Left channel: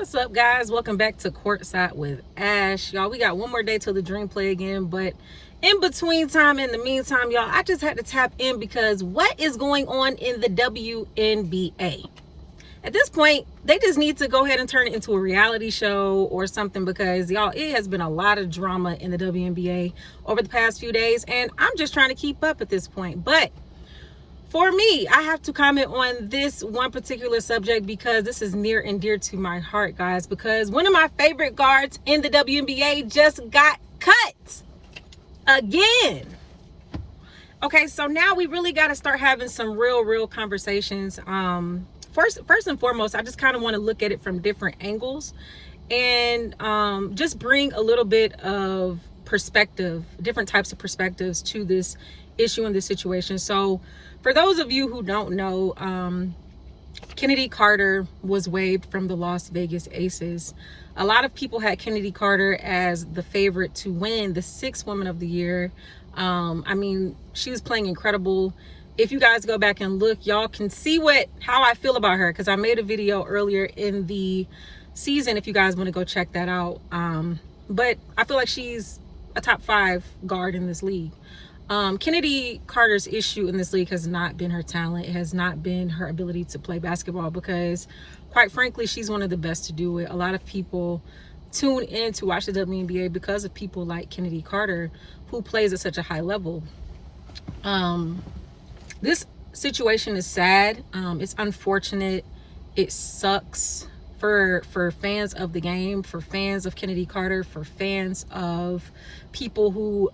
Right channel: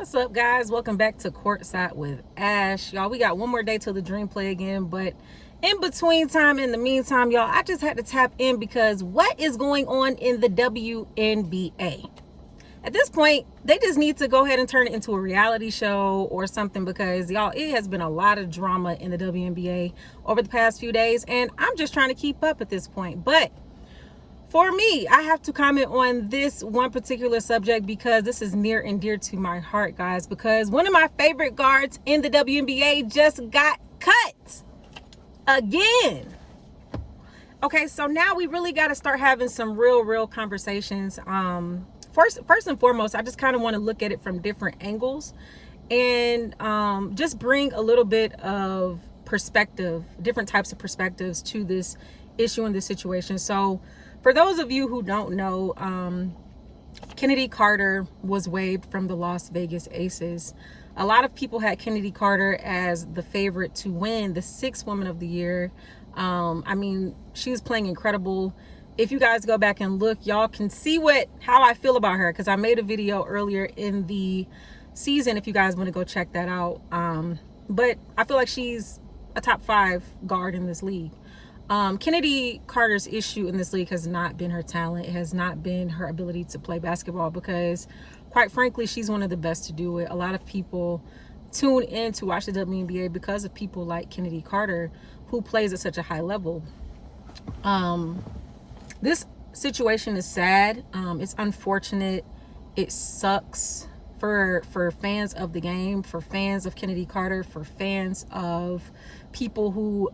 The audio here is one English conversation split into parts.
What's up, guys? Welcome back to Courtside with Ash. Y'all, we got one more day till the Dream play again, but in the meantime, y'all, I just had to tap in because what is going on in the WNBA? At this point, they just need to go ahead and turn it into a reality show or something because, y'all, it has been a lot of drama in the WNBA over the past few days, and I'm just trying to keep up at this point. But for me, I have to comment on this one particular subject because this is near and dear to my heart, guys, because one of my favorite guards in the WNBA just got cut again. Okay, so now we really got to start having some real conversations. First and foremost, I just kind of want to look at it from different angles and just bring a little bit of perspective, different types of perspectives to this issue and this situation. So for those of you who don't know, Chennedy Carter was waived from the Las Vegas Aces. A lot of people had Chennedy Carter as the favorite to win the 6th Woman of the Year. I mean, she was playing incredible. If you guys go back and look, y'all can see how I feel about her because I made a video earlier in the season if you guys want to go check that out. But I feel like she's a top 5 guard in this league. Chennedy Carter's issue in this league has not been her talent. It has not been her ability to play basketball because, quite frankly, she's one of the best to do it. A lot of people tune in to watch the WNBA because of people like Chennedy Carter, who plays at such a high level. This situation is sad. It's unfortunate. It sucks for fans of the game, for fans of Chennedy Carter, for fans of people who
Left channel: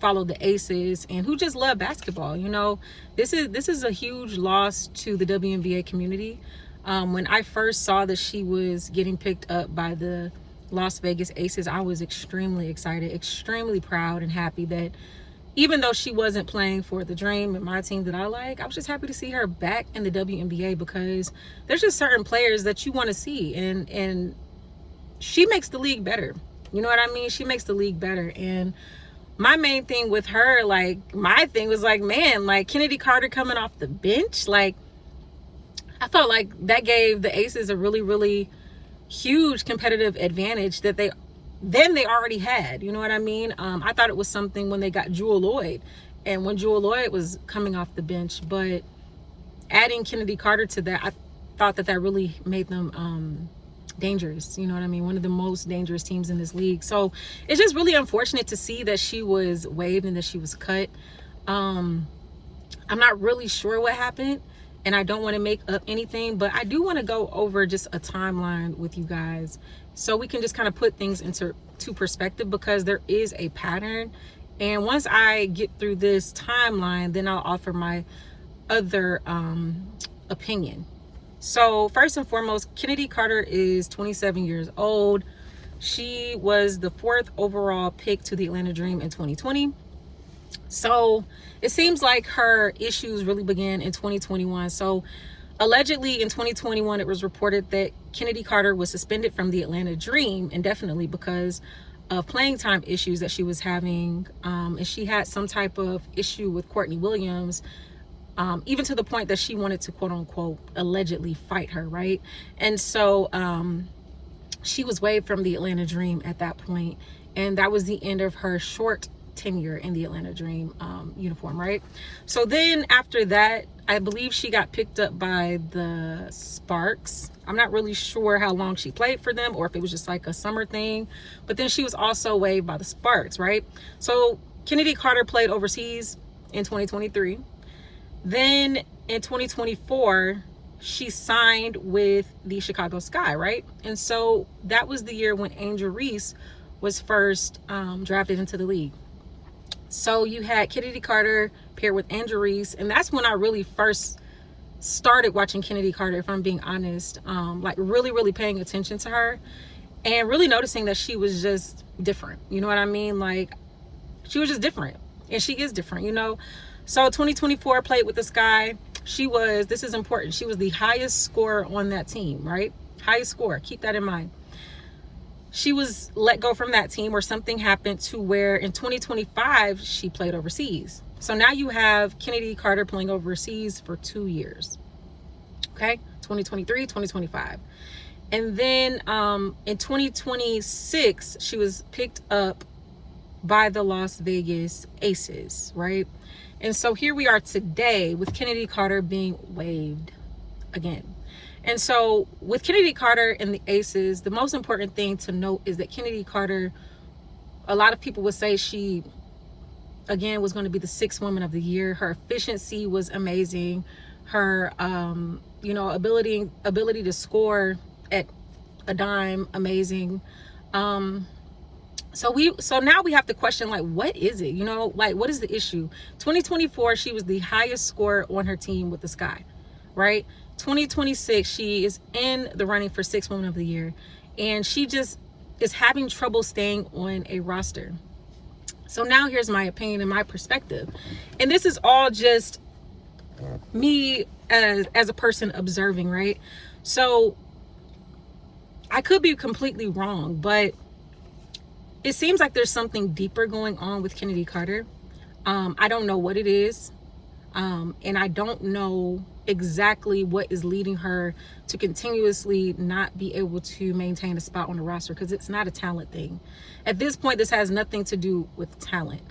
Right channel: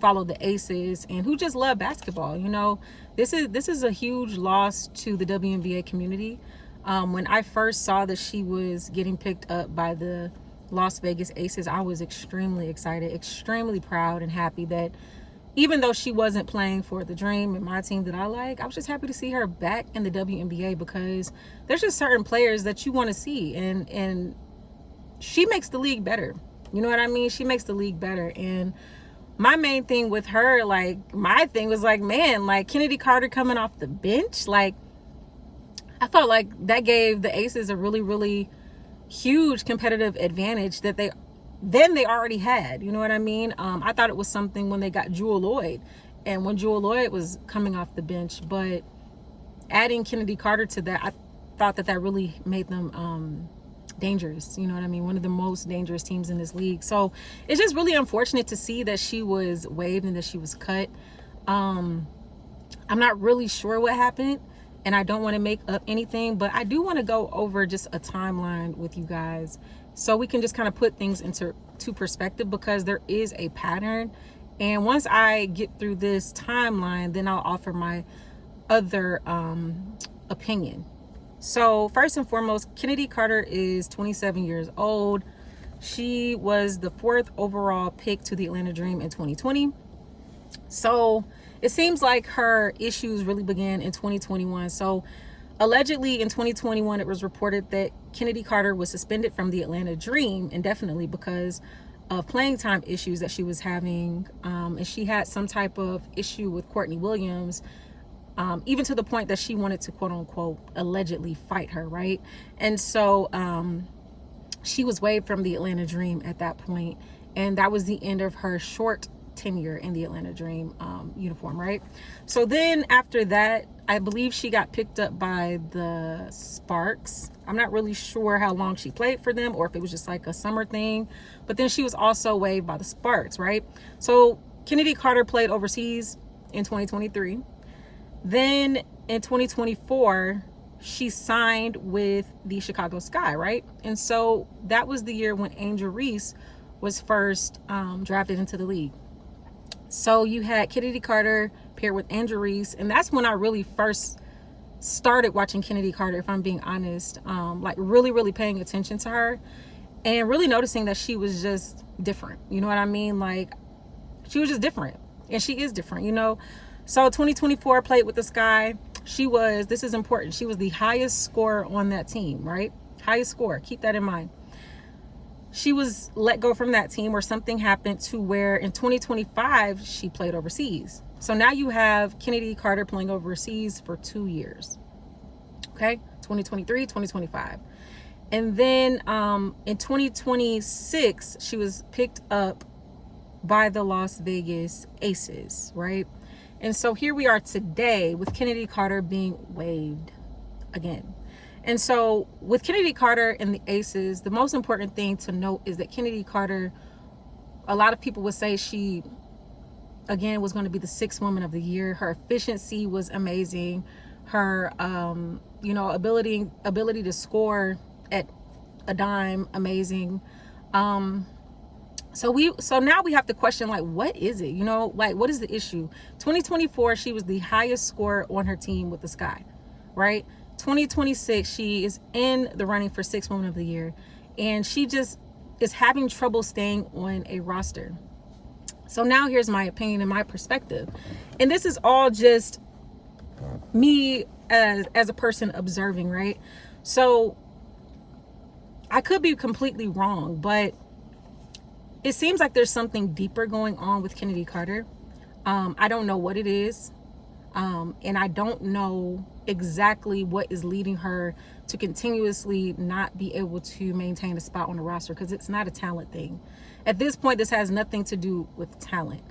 follow the Aces and who just love basketball. You know, this is a huge loss to the WNBA community. When I first saw that she was getting picked up by the Las Vegas Aces, I was extremely excited, extremely proud and happy that even though she wasn't playing for the Dream and my team that I like, I was just happy to see her back in the WNBA because there's just certain players that you want to see, and she makes the league better. You know what I mean? She makes the league better. And my main thing with her, my thing was man, Chennedy Carter coming off the bench, I felt like that gave the Aces a really huge competitive advantage that they already had. You know what I mean? I thought it was something when they got Jewel Lloyd and when Jewel Lloyd was coming off the bench, but adding Chennedy Carter to that, I thought that really made them dangerous. You know what I mean? One of the most dangerous teams in this league. So it's just really unfortunate to see that she was waived and that she was cut. I'm not really sure what happened, and I don't want to make up anything, but I do want to go over just a timeline with you guys so we can just kind of put things into perspective, because there is a pattern. And once I get through this timeline, then I'll offer my other opinion. So first and foremost, Chennedy Carter is 27 years old. She was the 4th overall pick to the Atlanta Dream in 2020. So it seems like her issues really began in 2021. So allegedly in 2021, it was reported that Chennedy Carter was suspended from the Atlanta Dream indefinitely because of playing time issues that she was having. And she had some type of issue with Courtney Williams, even to the point that she wanted to, quote unquote, allegedly fight her, right? And so she was waived from the Atlanta Dream at that point, and that was the end of her short tenure in the Atlanta Dream uniform, right? So then after that, I believe she got picked up by the Sparks. I'm not really sure how long she played for them or if it was just like a summer thing, but then she was also waived by the Sparks, right? So Chennedy Carter played overseas in 2023. Then in 2024, she signed with the Chicago Sky, right? And so that was the year when Angel Reese was first drafted into the league. So you had Chennedy Carter paired with Angel Reese, and that's when I really first started watching Chennedy Carter, if I'm being honest. Really paying attention to her and really noticing that she was just different. You know what I mean? She was just different, and she is different, you know? So 2024, played with the Sky. This is important, she was the highest scorer on that team, right? Highest scorer, keep that in mind. She was let go from that team, or something happened to where in 2025, she played overseas. So now you have Chennedy Carter playing overseas for 2 years. Okay, 2023, 2025. And then in 2026, she was picked up by the Las Vegas Aces, right? And so here we are today with Chennedy Carter being waived again. And so with Chennedy Carter and the Aces, the most important thing to note is that Chennedy Carter, a lot of people would say she, again, was going to be the 6th woman of the year. Her efficiency was amazing. Her, ability to score at a dime, amazing. So now we have to question, like, what is it? Like, what is the issue? 2024, she was the highest scorer on her team with the Sky, right? 2026, she is in the running for 6th woman of the year, and she just is having trouble staying on a roster. So now here's my opinion and my perspective, and this is all just me as a person observing, right? So I could be completely wrong, but it seems like there's something deeper going on with Chennedy Carter. I don't know what it is. And I don't know exactly what is leading her to continuously not be able to maintain a spot on the roster, because it's not a talent thing. At this point, this has nothing to do with talent.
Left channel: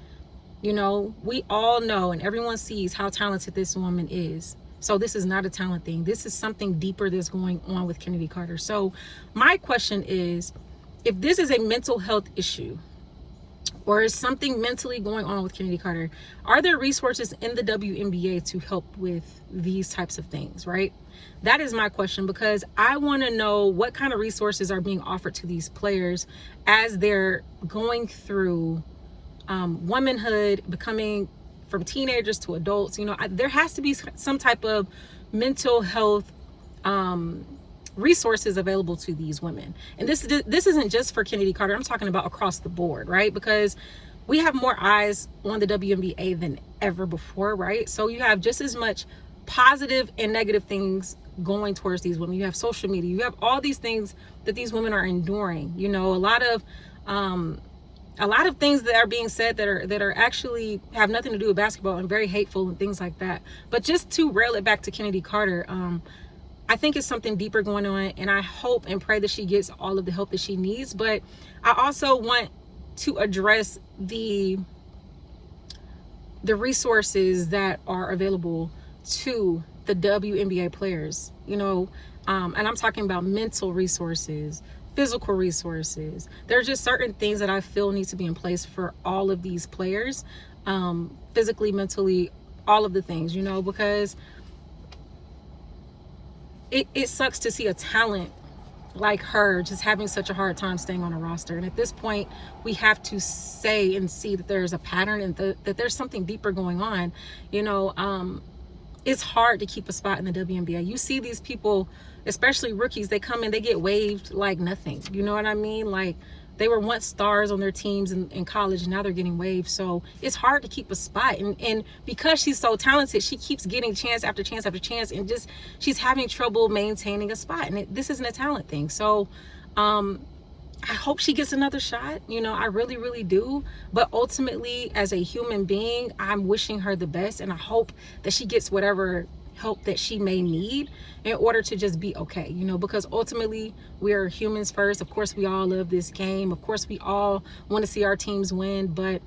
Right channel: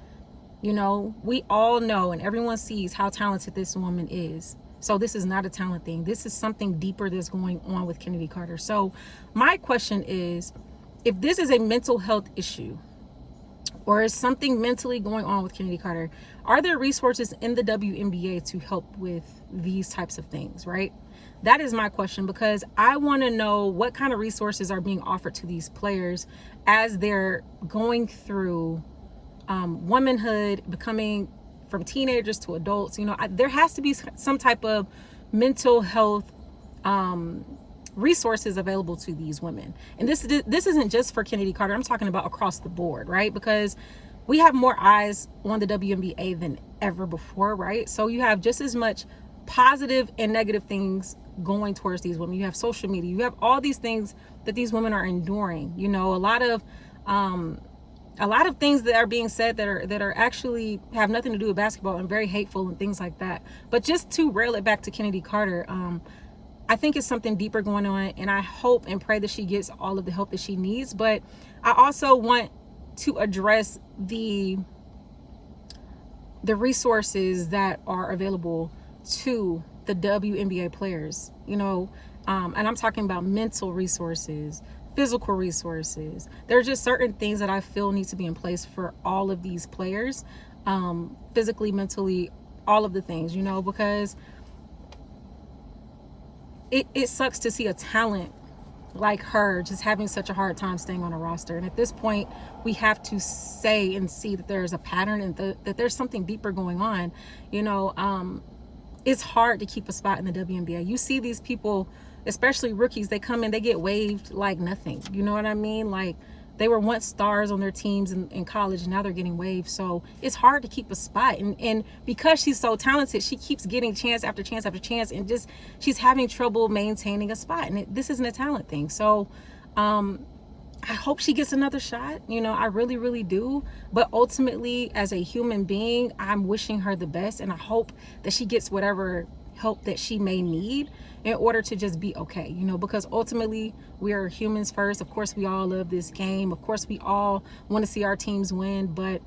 We all know and everyone sees how talented this woman is. So this is not a talent thing. This is something deeper that's going on with Chennedy Carter. So my question is, if this is a mental health issue, or is something mentally going on with Chennedy Carter, are there resources in the WNBA to help with these types of things, right? That is my question, because I want to know what kind of resources are being offered to these players as they're going through womanhood, becoming from teenagers to adults. There has to be some type of mental health resources available to these women. And this isn't just for Chennedy Carter. I'm talking about across the board, right? Because we have more eyes on the WNBA than ever before, right? So you have just as much positive and negative things going towards these women. You have social media, you have all these things that these women are enduring. A lot of things that are being said that are actually have nothing to do with basketball and very hateful and things like that. But just to rail it back to Chennedy Carter, I think it's something deeper going on, and I hope and pray that she gets all of the help that she needs. But I also want to address the resources that are available to the WNBA players, and I'm talking about mental resources, physical resources. There are just certain things that I feel need to be in place for all of these players, physically, mentally, all of the things, because it sucks to see a talent like her just having such a hard time staying on a roster. And at this point, we have to say and see that there's a pattern and that there's something deeper going on. It's hard to keep a spot in the WNBA. You see these people, especially rookies, they come in, they get waived like nothing. You know what I mean? Like, they were once stars on their teams in college, and now they're getting waived. So it's hard to keep a spot. And because she's so talented, she keeps getting chance after chance after chance, and just she's having trouble maintaining a spot. And this isn't a talent thing. So I hope she gets another shot. I really, really do. But ultimately, as a human being, I'm wishing her the best, and I hope that she gets whatever help that she may need in order to just be okay, because ultimately we are humans first. Of course, we all love this game. Of course, we all want to see our teams win, but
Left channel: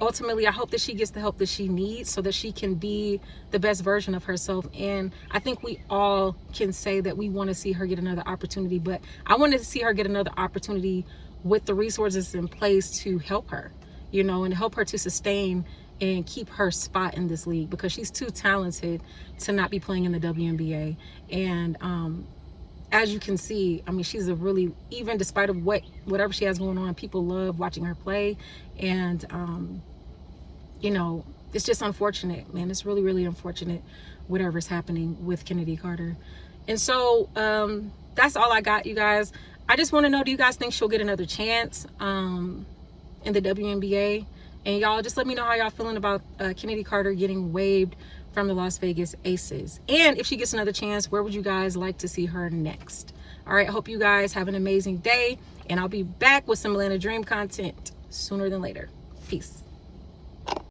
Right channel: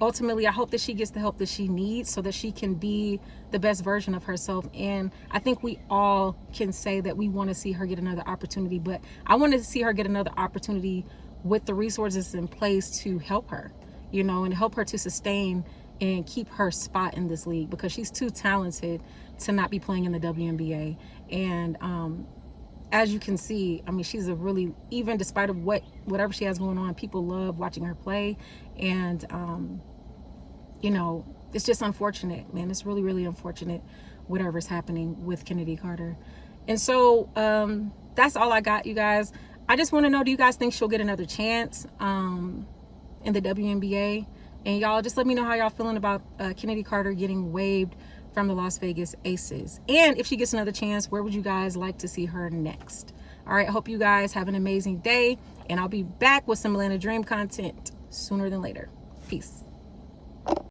ultimately I hope that she gets the help that she needs so that she can be the best version of herself. And I think we all can say that we want to see her get another opportunity, but I want to see her get another opportunity with the resources in place to help her, and help her to sustain and keep her spot in this league, because she's too talented to not be playing in the WNBA. And as you can see, I mean, she's a really, even despite of whatever she has going on, people love watching her play. And it's just unfortunate, man. It's really, really unfortunate whatever's happening with Chennedy Carter. And so that's all I got, you guys. I just want to know, do you guys think she'll get another chance in the WNBA? And y'all just let me know how y'all feeling about Chennedy Carter getting waived from the Las Vegas Aces. And if she gets another chance, where would you guys like to see her next? All right, I hope you guys have an amazing day, and I'll be back with some Atlanta Dream content sooner than later. Peace.